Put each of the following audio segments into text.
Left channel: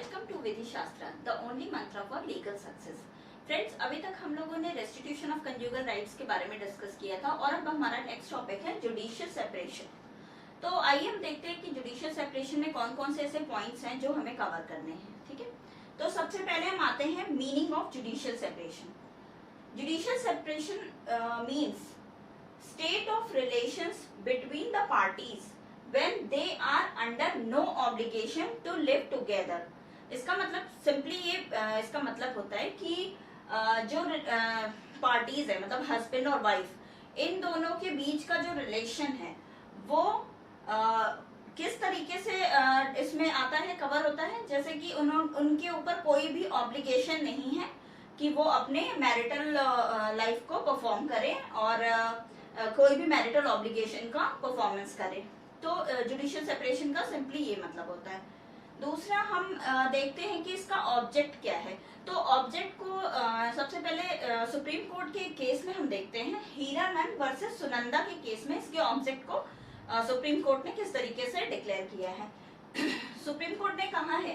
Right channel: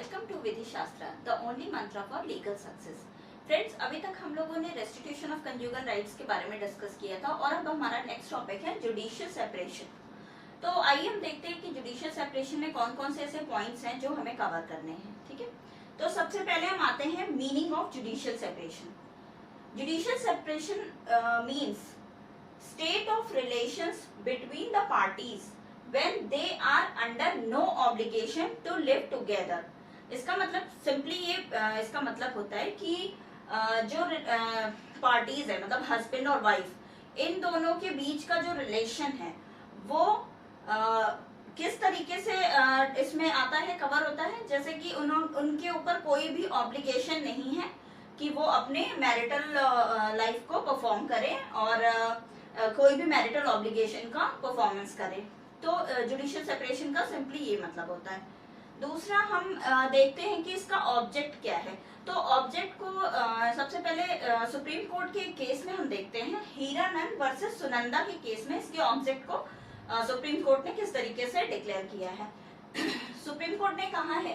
Welcome to विधि शास्त्र, the only मंत्र for legal success. Friends, अभी तक हम लोगों ने रेस्टिट्यूशन ऑफ कंज्यूगल राइट्स के बारे में डिस्कस किया था और अब हमारा नेक्स्ट टॉपिक है जुडिशियल सेपरेशन। तो आइए हम देखते हैं कि जुडिशियल सेपरेशन में कौन कौन से ऐसे पॉइंट्स हैं जो हमें कवर करने हैं। ठीक है, तो सबसे पहले हम आते हैं meaning of judicial separation. Judicial separation means state of relations between the parties when they are under no obligation to live together। इसका मतलब सिंपली इसका मतलब होता है कि जो पार्टीज है, मतलब हस्बैंड और वाइफ, इन दोनों के बीच का जो रिलेशन है वो किस तरीके से इसमें आता है, कवर होता है। जैसे कि उनके ऊपर कोई भी ऑब्लिगेशन नहीं है कि वो अपने मैरिटल लाइफ को परफॉर्म करें और कोई भी मैरिटल ऑब्लिगेशन का परफॉर्मेंस करे। तो जुडिशियल सेपरेशन का सिंपली ये मतलब होता है। दूसरा हम देखते हैं कि इसका ऑब्जेक्ट क्या है। तो ऑब्जेक्ट को सबसे पहले सुप्रीम कोर्ट के केस में हम देखते हैं, हीरानंद वर्सेस सुनंदा के केस में इसके ऑब्जेक्ट को सुप्रीम कोर्ट ने किस तरीके से डिक्लेयर किया है। सुप्रीम कोर्ट ने कहा है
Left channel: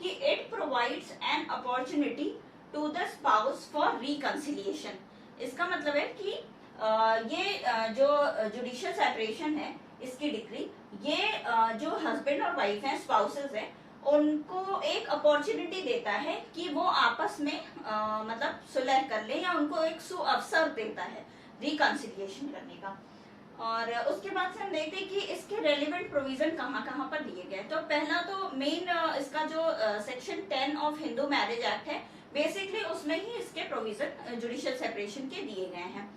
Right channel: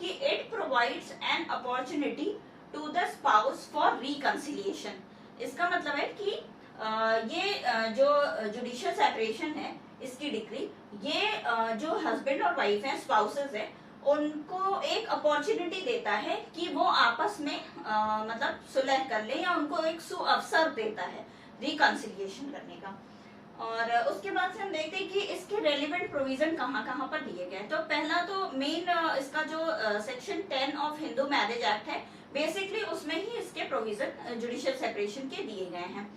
कि it provides an opportunity to the spouse for reconciliation. इसका मतलब है कि ये जो जुडिशियल सेपरेशन है, इसकी डिग्री, ये जो हस्बैंड और वाइफ हैं, स्पाउसेस हैं, उनको एक अपॉर्चुनिटी देता है कि वो आपस में मतलब सुलह कर ले, या उनको एक सुअवसर देता है रिकंसिलिएशन करने का। और उसके बाद से हम देखते हैं कि इसके रेलिवेंट प्रोविजन कहाँ कहाँ पर दिए गए। तो पहला तो मेन इसका जो section 10 of Hindu marriage act है, बेसिकली उसमें ही इसके प्रोविजन जुडिशियल सेपरेशन के दिए गए हैं।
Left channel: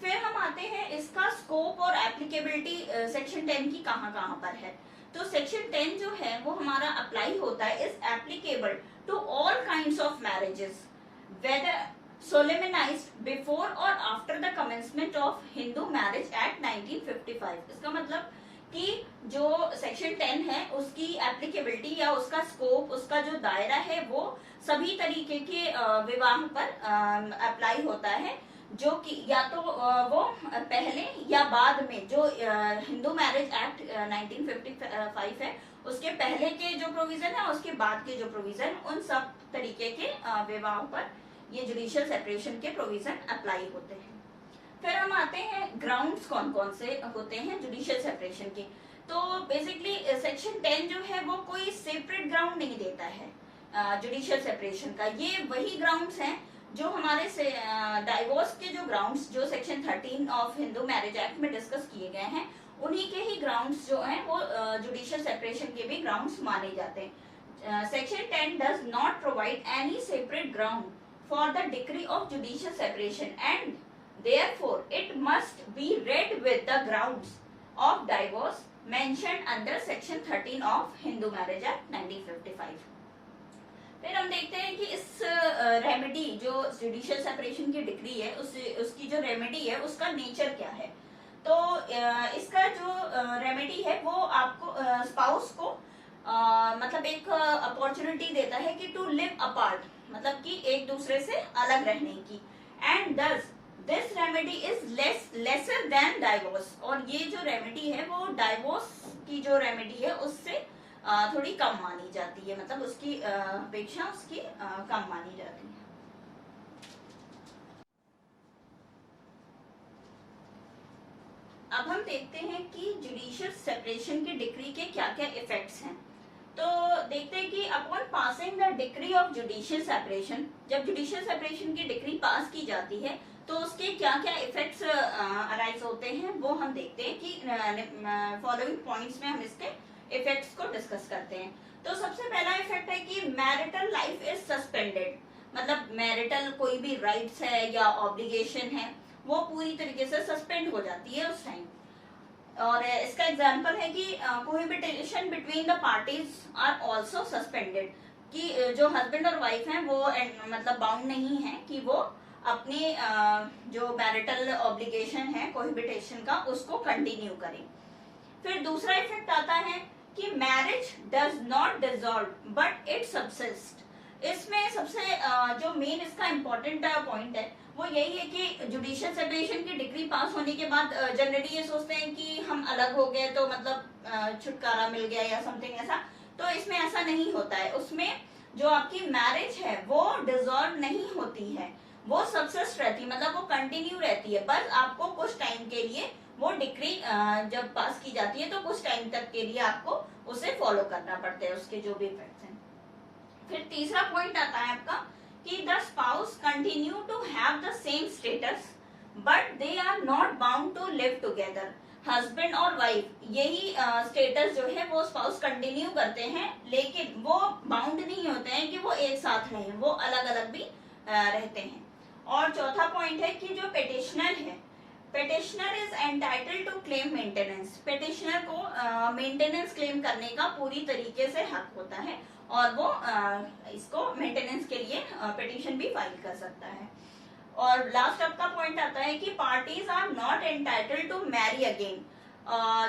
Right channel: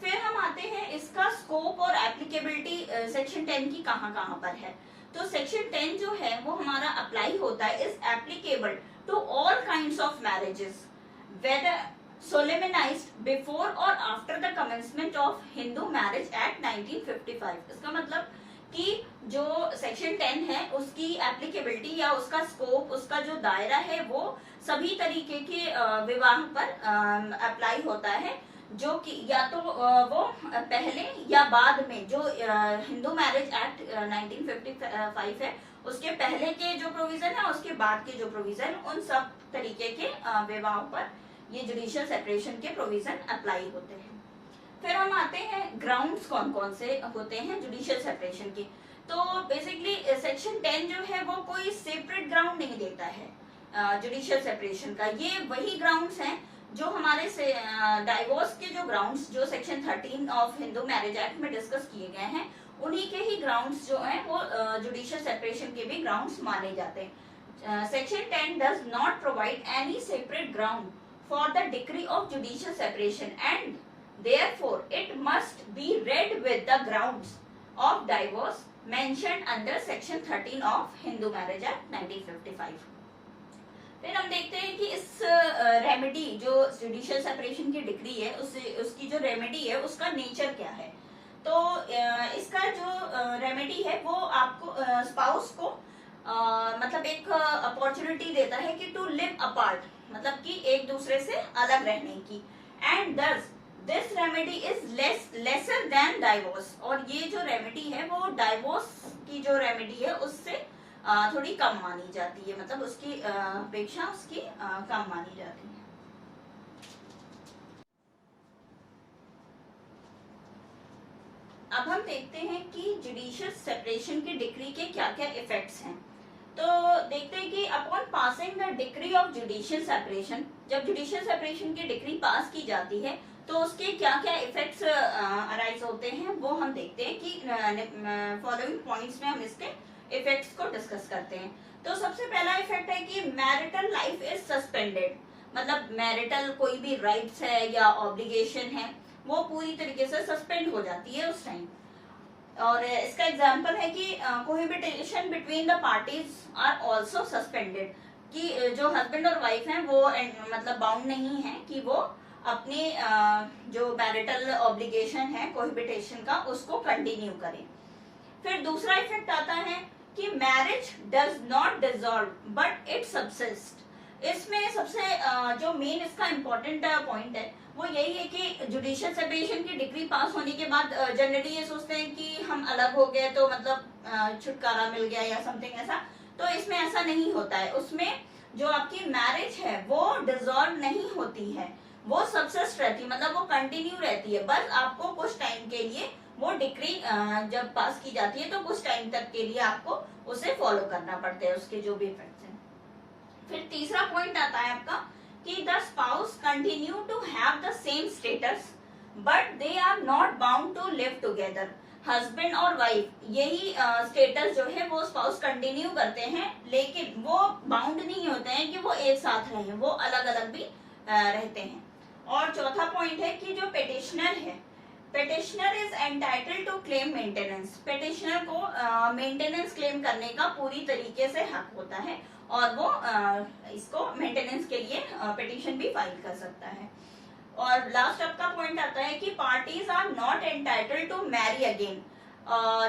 फिर हम आते हैं इसका स्कोप और एप्लीकेबिलिटी सेक्शन 10 की कहाँ कहाँ पर है। तो सेक्शन 10 जो है वो हमारा अप्लाई होता है, is applicable to all kinds of marriages whether solemnized before और after the commencement of Hindu marriage act 1955। इसका मतलब कि जो सेक्शन 10 है उसकी एप्लीकेबिलिटी या उसका स्कोप, उसका जो दायरा है, वो सभी तरीके के विवाह पर अप्लाई होता है, जो कि या तो वो पहले या बाद में जो हिंदू मैरिज एक्ट 1955 है उसके पहले के जो प्रोविजन है, उसके बाद के जो प्रोविजन, उन सब तरीके के विवाहों पर ये जुडिशियल सेपरेशन के प्रोविजन अप्लाई होते हैं। फिर हम आते हैं ग्राउंड्स कौन कौन से होते हैं जुडिशियल सेपरेशन के। तो बेसिकली सेक्शन 10 जो है वो कोई सेपरेट ग्राउंड नहीं देता है जुडिशियल सेपरेशन का। ये वही ग्राउंड्स हैं जो हमारे से डाइवोर्स के जो ग्राउंड्स जो section 13 of Hindu marriage act में डिस्कस किए गए हैं, उन्हीं के ही ग्राउंड्स जो हैं वो जुडिशियल सेपरेशन के भी ग्राउंड्स माने जाते हैं। Section 10 does not provide any separate ground for the decree of judicial separation and therefore it must be read with the grounds of divorce mentioned under section 13 of Hindu marriage act 1955। फिर हम देखते हैं कि इस remedy जो judicial separation की degree है, उसकी जो रेमेडी है उसका नेचर क्या है। तो इसका जो रेमेडी है वो आपको स्पाउस को मतलब एक अपॉर्चुनिटी देता है कि टू लिव अपार्ट, मतलब कि एक दूसरे से अलग रहने की। एंड दस this remedy is lesser than divorce. और ये जो रेमेडी है वो डाइवोर्स की जो रेमेडी है उससे थोड़ी कम मानी जाती है, मतलब उसकी अपेक्षा उसकी कम मानी जाती है। अब हम देखते हैं कि जुडिशियल सेपरेशन की डिक्री के क्या क्या इफेक्ट्स हैं। तो देखते हैं कि upon passing the decree of judicial separation, जब जुडिशियल सेपरेशन की डिक्री पास की जाती है तो उसके क्या क्या इफेक्ट्स अराइज होते हैं, वो हम देखते हैं कि फॉलोइंग पॉइंट्स में हम इसके इफेक्ट्स को डिस्कस करते हैं। तो सबसे पहला इफेक्ट है कि मैरिटल लाइफ इज सस्पेंडेड, मतलब मैरिटल कोई भी राइट्स है या ऑब्लिगेशन है वो पूरी तरीके से सस्पेंड हो जाती है उस टाइम। और इसका एग्जांपल है कि cohabitation between the parties are also suspended, कि जो हस्बैंड और वाइफ हैं वो मतलब बाउंड नहीं है कि वो अपने जो मैरिटल ऑब्लिगेशन है कोहेबिटेशन का उसको कंटिन्यू करें। फिर दूसरा इफेक्ट आता है कि marriage does not dissolve but it subsist. इसमें सबसे जो मेन इसका इम्पोर्टेंट पॉइंट है वो यही है कि जुडिशियल सेपरेशन की डिग्री पास होने के बाद जनरली ये सोचते हैं कि हम अलग हो गए तो मतलब छुटकारा मिल गया या समथिंग ऐसा। तो इसमें ऐसा नहीं होता है। उसमें जो आपकी मैरिज है वो डिसॉल्व नहीं होती है, वो सबसिस्ट रहती है, मतलब वो कंटिन्यू रहती है, बस आपको कुछ टाइम के लिए वो डिक्री जब पास की जाती है तो कुछ टाइम तक के लिए आपको उसे फॉलो करना पड़ता है, उसके जो भी इफेक्ट्स हैं। फिर तीसरा पॉइंट आता है आपका कि the spouse continue to have the same status but they are not bound to live together. Husband और वाइफ यही स्टेटस जो है वो स्पाउस कंटिन्यू करते हैं, लेकिन वो बाउंड नहीं होते हैं कि वो एक साथ रहें, वो अलग अलग भी रहते हैं। और चौथा पॉइंट है कि जो पेटिशनर है, petitioner is entitled to claim maintenance. Petitioner को मेंटेनेंस क्लेम करने का पूरी तरीके से हक होता है और वो इसको मेंटेनेंस के लिए पिटीशन भी फाइल कर सकता है। और लास्ट आपका पॉइंट आता है कि parties are not entitled to marry again.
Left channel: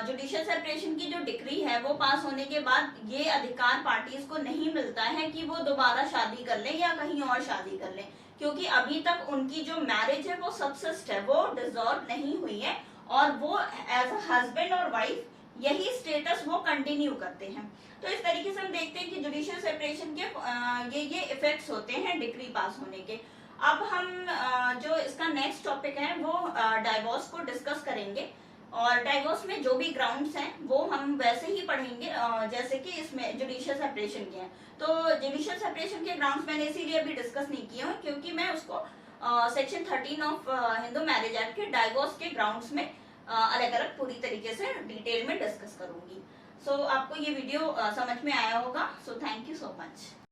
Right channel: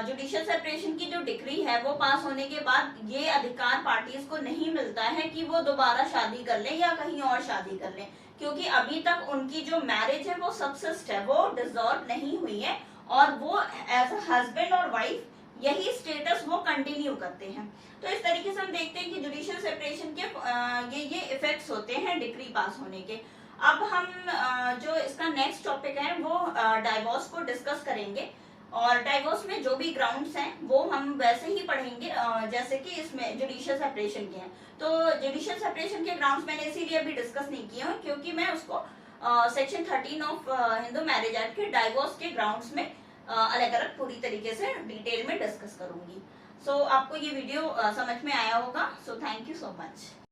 Judicial separation की जो डिक्री है वो पास होने के बाद ये अधिकार पार्टीज को नहीं मिलता है कि वो दोबारा शादी कर लें या कहीं और शादी कर लें, क्योंकि अभी तक उनकी जो मैरिज है वो सबसिस्ट है, वो डिसॉल्व नहीं हुई है और वो एज अ हस्बैंड और वाइफ यही स्टेटस वो कंटिन्यू करते हैं। तो इस तरीके से हम देखते हैं कि जुडिशियल सेपरेशन के ये इफेक्ट्स होते हैं डिक्री पास होने के। अब हम जो इसका नेक्स्ट टॉपिक है वो डाइवोर्स को डिस्कस करेंगे, और डाइवोर्स में जो भी ग्राउंड्स हैं वो हम वैसे ही पढ़ेंगे जैसे कि इसमें जुडिशियल सेपरेशन के हैं। तो जुडिशियल सेपरेशन के ग्राउंड्स मैंने इसीलिए अभी डिस्कस नहीं किया क्योंकि मैं उसको section 13 of Hindu marriage act के डाइवोर्स के ग्राउंड्स में अलग अलग पूरी तरीके से डिटेल में डिस्कस करूंगी। सो आपको ये वीडियो समझ में आया होगा। So thank you so much.